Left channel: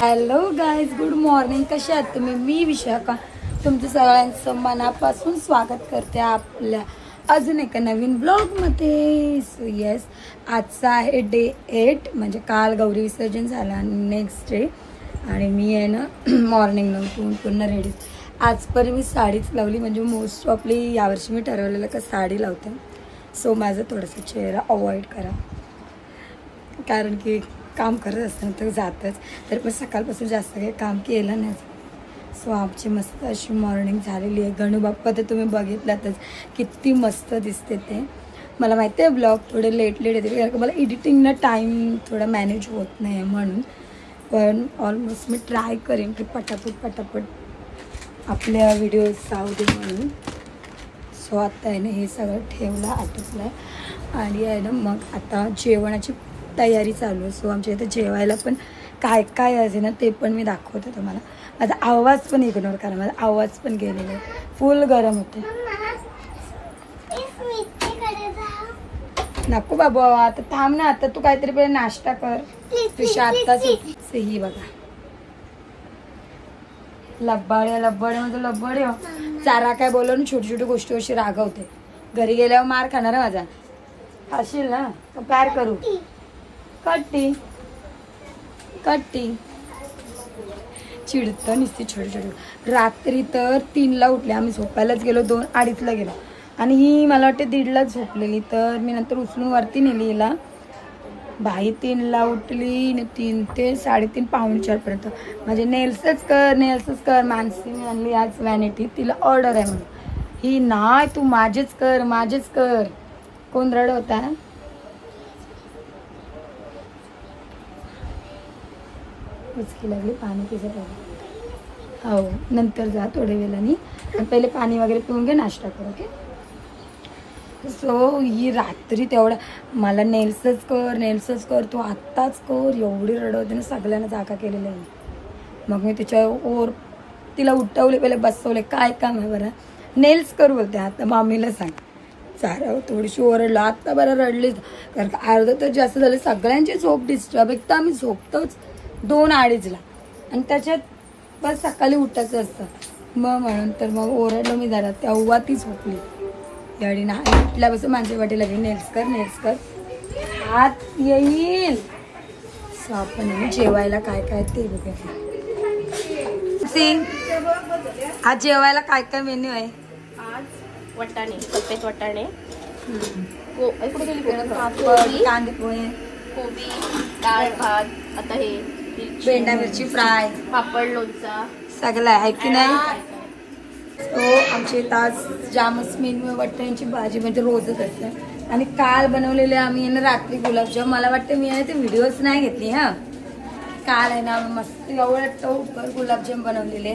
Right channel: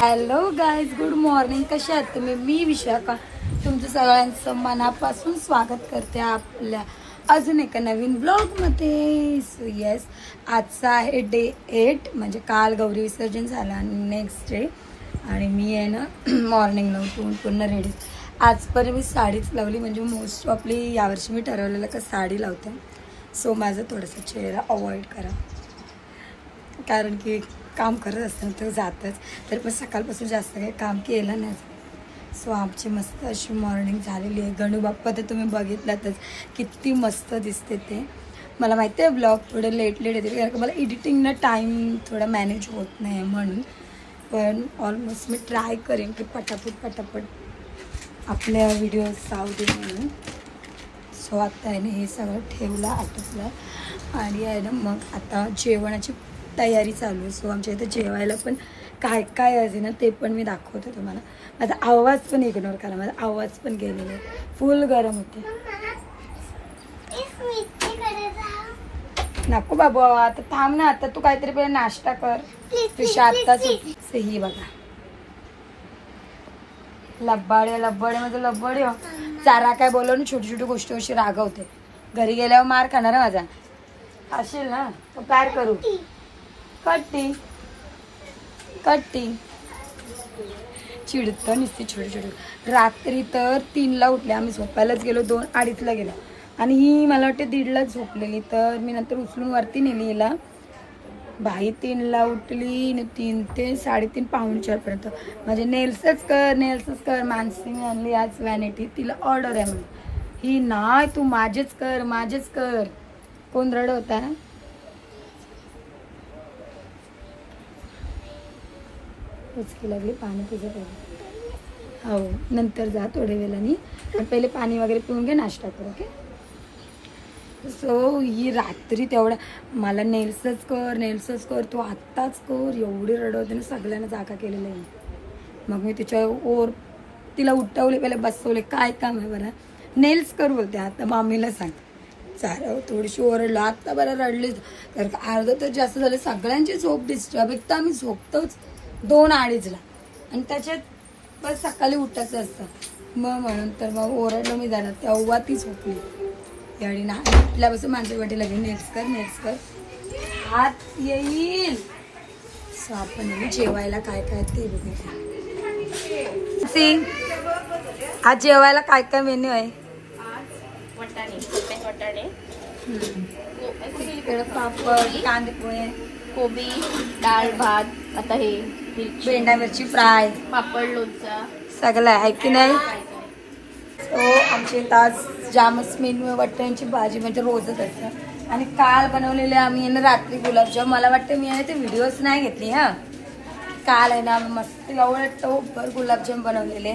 Hello guys, good morning. कशा आहात तुम्ही? मी विशाखा तुमचं सगळ्यांचं मनापासून स्वागत करते आपल्या अजून एका नवीन ब्लॉग मध्ये. सो येस, आजचा आहे डे 8, म्हणजे काल गौरी विसर्जन झालं आणि नेक्स्ट डे. आणि मी आहे ना मॉर्निंगला उठून पूर्ण रेडी. आजपर्यंत मी साडीच लावली, म्हणजे मोस्ट ऑफली यावर्षी मी ठरवलेलं का साडी लावते. सो माझं थोडंसं चेहरा अवॉइड करा, कारण की काम करत असताना तर जातच. तर पण सकाळपासून जास्त काही काम केलं नाही. सो आमची मस्त अशी मॉर्निंग झालेली आहे. गणू बाप्पा तर तुम्ही बघितलातच किती मस्त दिसते ते. मला माहिती आहे ब्लॉग थोडे लेट येते, कारण की मला एडिटिंगला टाईम थोडा मॅनेज होत नाही म्हणून. पण ऑलमोस्ट मी ट्राय करेन की पटापट आपल्या व्हिडिओज जाऊ दे म्हणून. सो आता आहे ना हे सगळं ठेवलं, आटपलं आणि आहे ना मग आता जेवणाची तयारी चालू आहे. सो आमच्या इथे जेवायला पण काय काय आहे ना ते पण मी दाखवते तुम्हाला. माझा आवाज पण इग्नोर करा, माझा आवाज पण गेलेला आहे, फुल गरम होते. नको बाबू, आता थांब ना, आता तू काहीतरी पहिले नाश्ता कर. तुझ्या आत्ताच ही बघा लब्बाडे म्हणजे लब्बाडे हो. चारा काय बोलवून छोटी छोटी गोष्टी अशी रागवते. घरी गेल्यावर मार खाणार आहे माझा. असेल ना तर काय करू? कट्टी चिडतं नुसती छोटी. रात्री तर 3ला उठले, आम्ही झोपायलाच गेलो 2-2:30ला गेलो आणि ही मला वाटते 1:30लाच झोपलेली. तर मी नंतर उचलून वरती नेली हिला. बाई 3ला उठली आणि 3 ते 3:30 पावणे 4 पर्यंत माझे नेल्सच कर. मानसीने आणली आज व्हॅनिटी, तिला ऑर्डर आहे म्हणून. ही नाही, तू माझेच कर. कोण रड होता? उचकी लागली, पाणी पिजत हो. नंतर जा थोड्या वेळाने, पहिले पाणी वगैरे पिऊन घे, नाश्ता कर. ओके. सो ही रात्री तेवढा मला नेल्सच कर, तू आत्ताच कर, एवढी रडवते ना. सगळ्यांना जागा केलेलं आहे. मग मी तिला उठवले, पहिले बसवले. काय काम आहे बरं? नेल्स कर बोलते. आता मामीला सांग. चारा थोडीशी ओरडलं, आत्ता बरं रडलीच, कारण अर्धा तर जास्त झाले. सगळ्यांची झोप डिस्टर्ब. एक तर आम्ही झोपतोच 2-2:30ला आणि त्याच्यात बस सकाळी उठायचं असतं. मग म्हणून तर मग ओरडलो मी जरा, तेव्हा ती झोपली. याडी ना उठल्यापासून माझ्या वाटी लागली, नेल्स कर हात येईल. सो आपण जेवायला काय काय ते बघा. आज जेवायला काय काय मेन्यू आहे? आज वाटाणे, सफेद वाटाणे, पापड, कांदे पोहे, कोबी, डाळ भात, आता हे भेंडा मिरची फ्राय, पापड, लोणचा, सगळं आहे की नाही. सो आमचे तास जामच मेन्यू वाटाण्यांची भाजी, म्हणजे रोजच असतं. आणि काल बनवलेले आम्ही आहे ना रात्री गुलाबजाम. मला वाटतं मी आहे ते व्हिडिओज नाही घेतली. काल आहे ना मस्त एवढं गुलाबजाम बनवलेले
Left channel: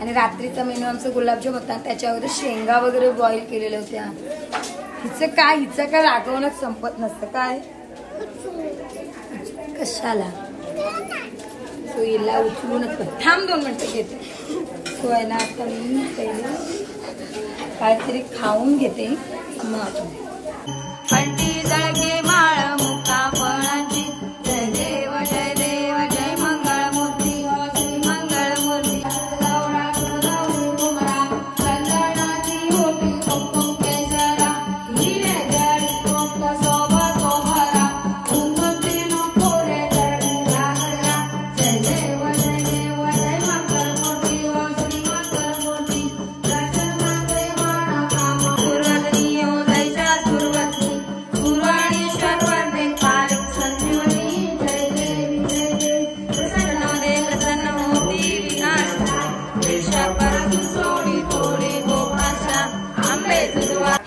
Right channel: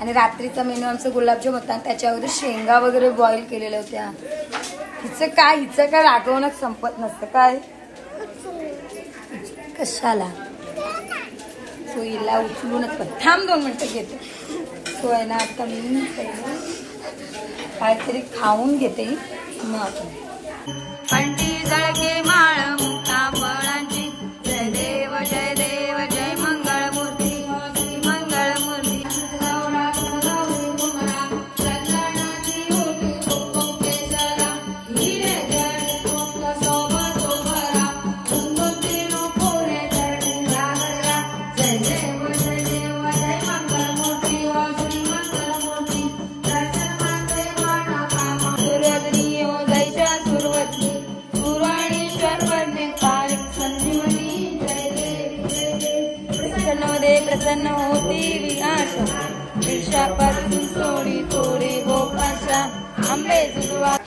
आणि रात्रीचा मेन्यू आमचा गुलाबजाम होता. त्याच्यावर शेंगा वगैरे बॉईल केलेल्या होत्या. हिचं काय रागवणच संपत नसतं काय कशाला. सो हिला उचलूनच पण थांब 2 मिनिटं घेते. सो आहे ना आता मी पहिले काहीतरी खाऊन घेते, मग आपण पंटी जळके माळ मुक्ता फळांची. जय देव जय देव जय मंगळमूर्ती मंगळमूर्ती.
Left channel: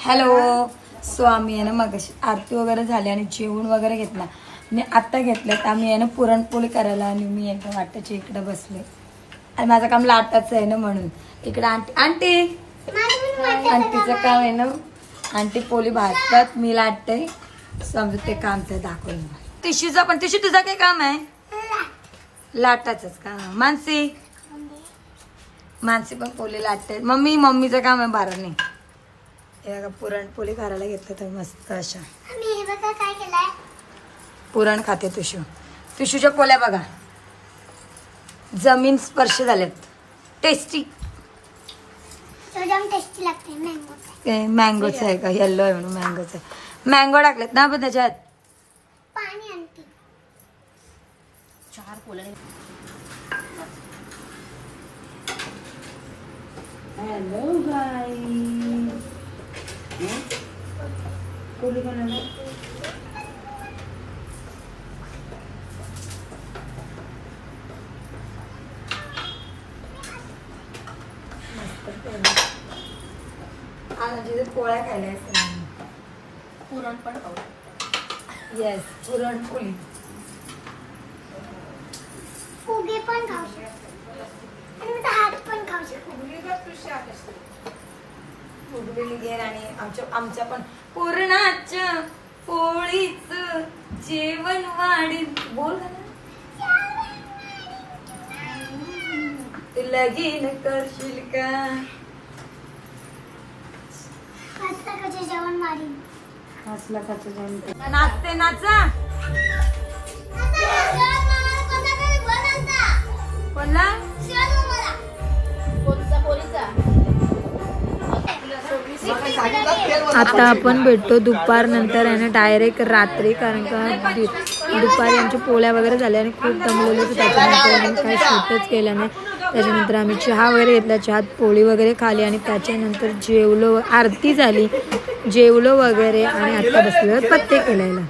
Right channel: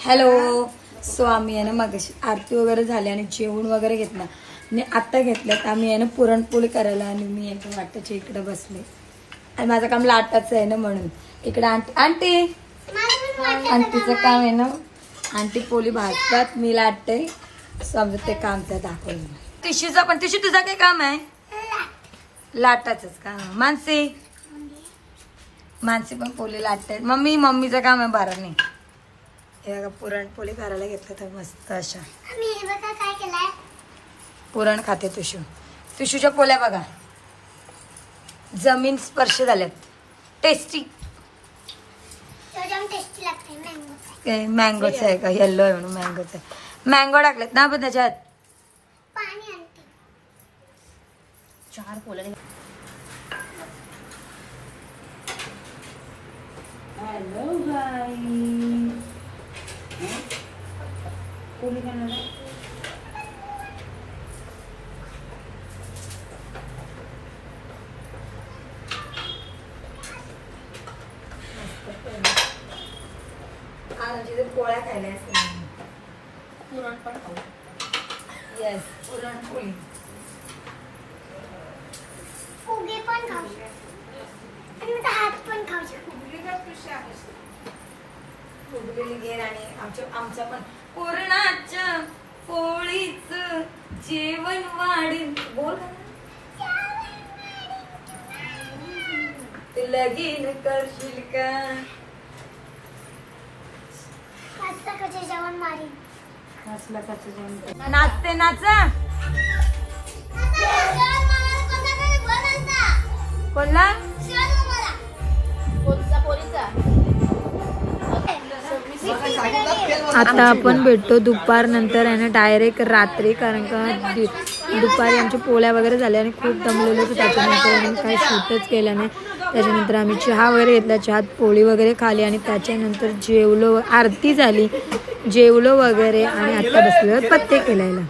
हॅलो. सो आम्ही आहे ना मग आरती वगैरे झाली आणि जेवण वगैरे घेतला आणि आता घेतलं तर आम्ही आहे ना पुरणपोळी करायला. आणि मी एकदम वाटाच्या इकडे बसले आणि माझं काम लाटाचं आहे ना, म्हणून इकडे आंटीचं काम आहे ना. आंटी पोळी भाजतात, मी लाटते. समजत ते काम तर दाखवलं. टिशूचा पण तुझं काय काम आहे? लाटाचंच का? मानसी पण पोळी लाटते. मम्मीचं काम आहे बाराने. हे बघा पुरणपोळी करायला घेतलं तर मस्त अशा. पुरण खाते तुषूच्या पोळ्या बघा. जमीन स्पर्श झाल्यात. टेस्टी मँगोच आहे का? येल्लो आहे म्हणून मँगोच आहे. मँगो टाकलेत ना पण त्याच्यात. चार पोळ्या. हॅलो बाई. कोणी खाणार? पोळ्या खायला पुरण पण खाऊ. येस पुरणपोळी. फुगे पण खाऊ आणि हात पण खाऊ शकतो. फुगलेली घेर आणि आमच्या पण पुरणाच्या पोळीच जेवण वाढील. बोल ते लगीन करशील का? जेवण वाढील. नाचते नाचा. बोलला कोणता पोळीचा? आता आपण भेटतो दुपार नंतर आहे ना डायरेक्ट रात्री. कारण का दुपारी आमच्या पोळ्या वगैरे झाल्या आणि खूप दमलेलो होतो. त्याच्यानंतर आम्ही काही शूटच केलं नाही. त्याच्यानंतर आम्ही चहा वगैरे घेतला. चहात पोळी वगैरे खाली आणि त्याच्यानंतर जेवलो. आरती झाली, जेवलो वगैरे आणि आता बसलो पत्ते खेळायला.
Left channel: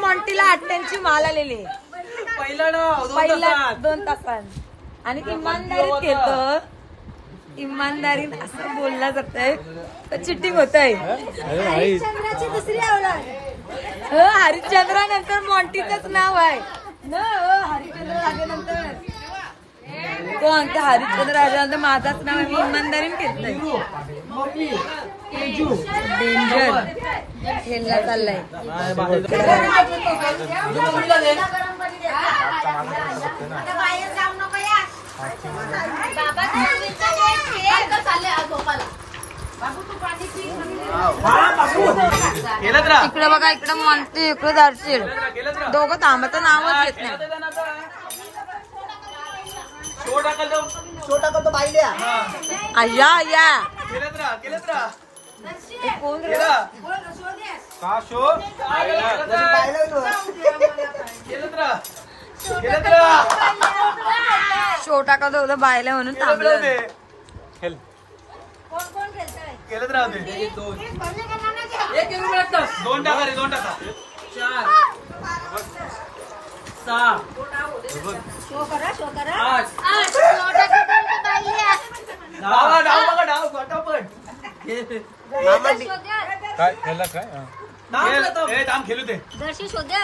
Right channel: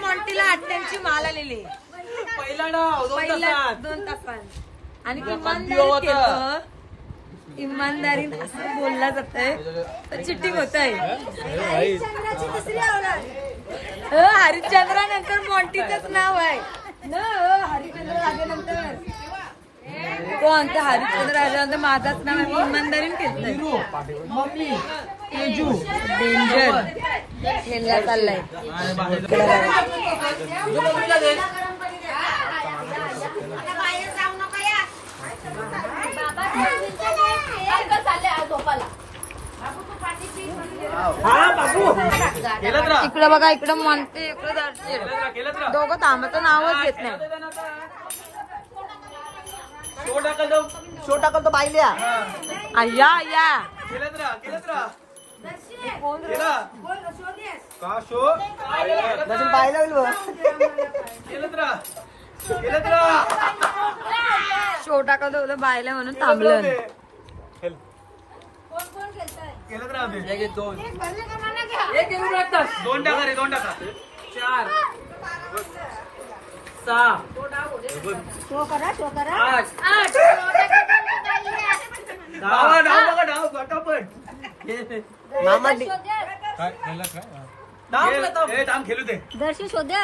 मॉन्टीला 88ची माल आलेली पहिला 2 तासात. आणि इमानदारीत खेळतो. इमानदारी असं बोलला जातंय तर चिटिंग होत आहे. हरिश्चंद्रानंतर मॉन्टीचंच नाव आहे ना. हरिश्चंद्र राजानंतर कोण? तर हरिश्चंद्र राजानंतर माझाच नाव आहे. मी इमानदारीने खेळतोय. डेंजर खेळला चाललाय. इकडं बघा, इकडं म्हणते, इकडं दारशील. दोघं थांबत नावच घेत नाही. अय्या अय्या कोण शो टाकत होतं बायला म्हणून थांबलं. दोन टाका रे, 2 टाका. 4 6 शो करा 8 डाव फटाफट. काय ह्याला काय हे काम खेळू दे. दर्शी शोधे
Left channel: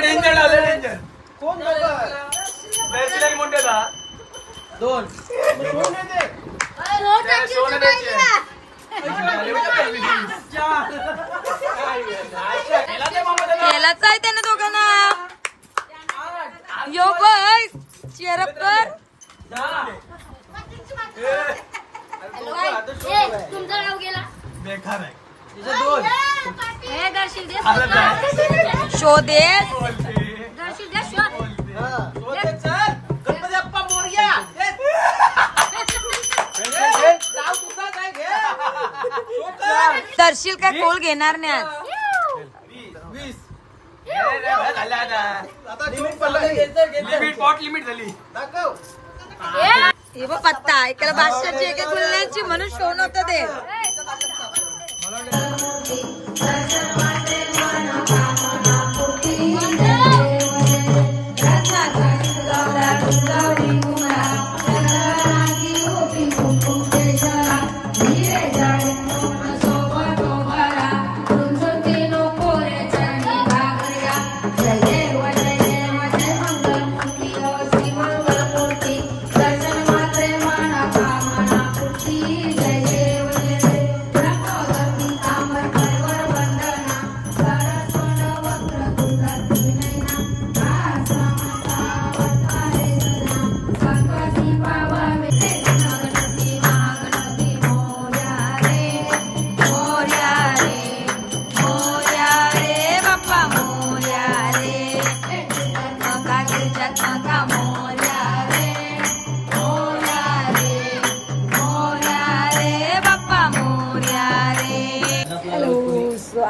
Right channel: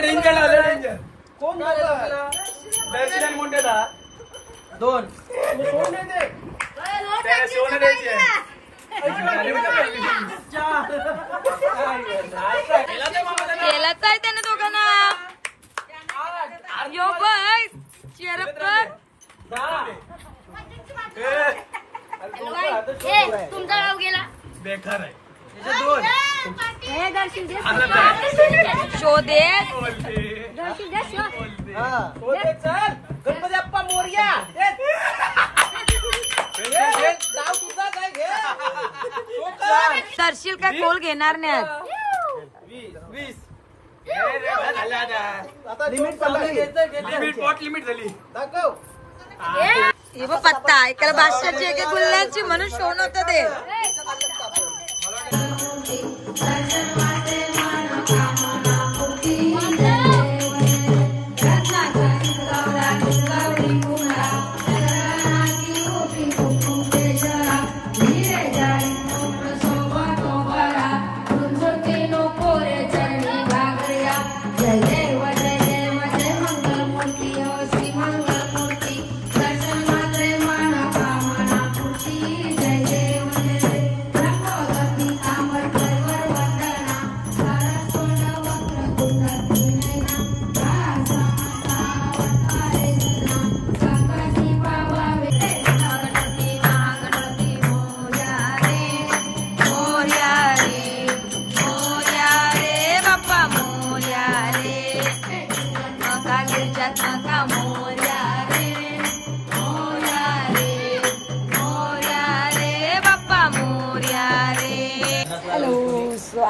डेंजर लावले. डेंजर कोण दर्शी म्हणते ना 2 सोने द्यायची. केलाच आहे त्यानं दोघांना. यो बाय चेअरअप कर. तुमचा गाव गेला बेकार आहे. हे दर्शी दे शो दे. दर्शी दे शो. गणपती अप्पा मोरया. दर्शील काय कोल घेणार नाही आज. 20 लिमिट पॉट लिमिट झाली. हे बघ पत्ता एकाला बादशाची एका गुल्ल्यांची म्हणून शो नव्हतं ते.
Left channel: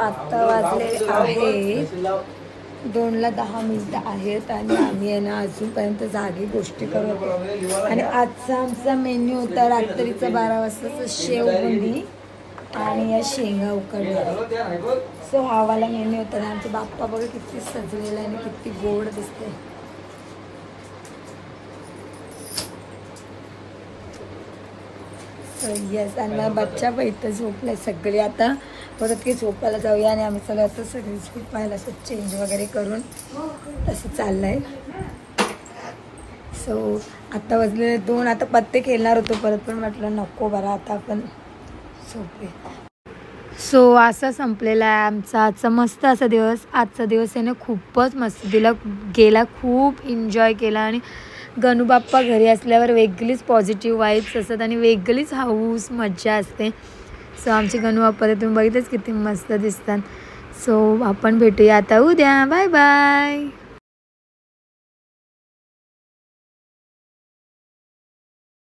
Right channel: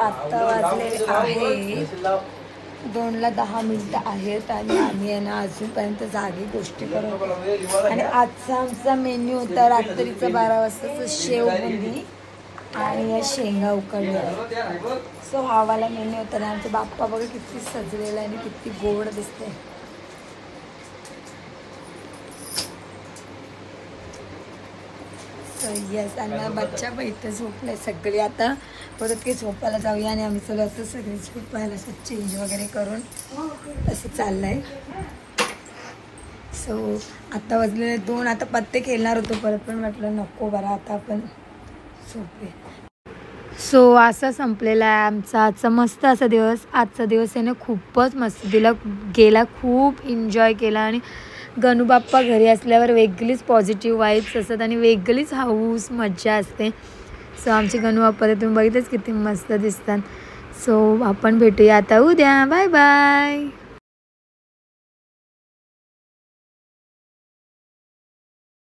आत्ता वाजले आहे 2:10 आहेत आणि आम्ही आहे ना अजूनपर्यंत जागी गोष्टी करत होतो. आणि आजचा आमचा मेन्यू होता रात्रीचा 12 वाजताचं शेवबुंदी आणि या शेंगा उकडल्या. सो हा वाला मेन्यू होता आणि आमचा बाप्पा बघा किती सजलेला आणि किती गोड दिसते. येस आणि मला बच्चा पण इथं झोपलाय. सगळी आता परत की झोपायला जाऊया आणि आम्ही चलो आता सगळी झोपायला असं चेंज वगैरे करून असं चाललंय. सो आता वाजलेले 2. आता पत्ते खेळणार होतो परत पण म्हटलं नको बरं आता आपण झोपूया. सो असा संपलेला आहे आमचा आजचा मस्त असा दिवस. आजचा दिवस आहे ना खूपच मस्त गेला. खूप एन्जॉय केला आणि गणूबाप्पा घरी असल्यावर वेगळीच पॉझिटिव्ह वाईब्स असतात आणि वेगळीच हाऊस मज्जा असते. सो आमचे गणूबाप्पा तर तुम्ही बघितलंच किती मस्त दिसतात. सो आपण भेटूया आता उद्या. Bye bye.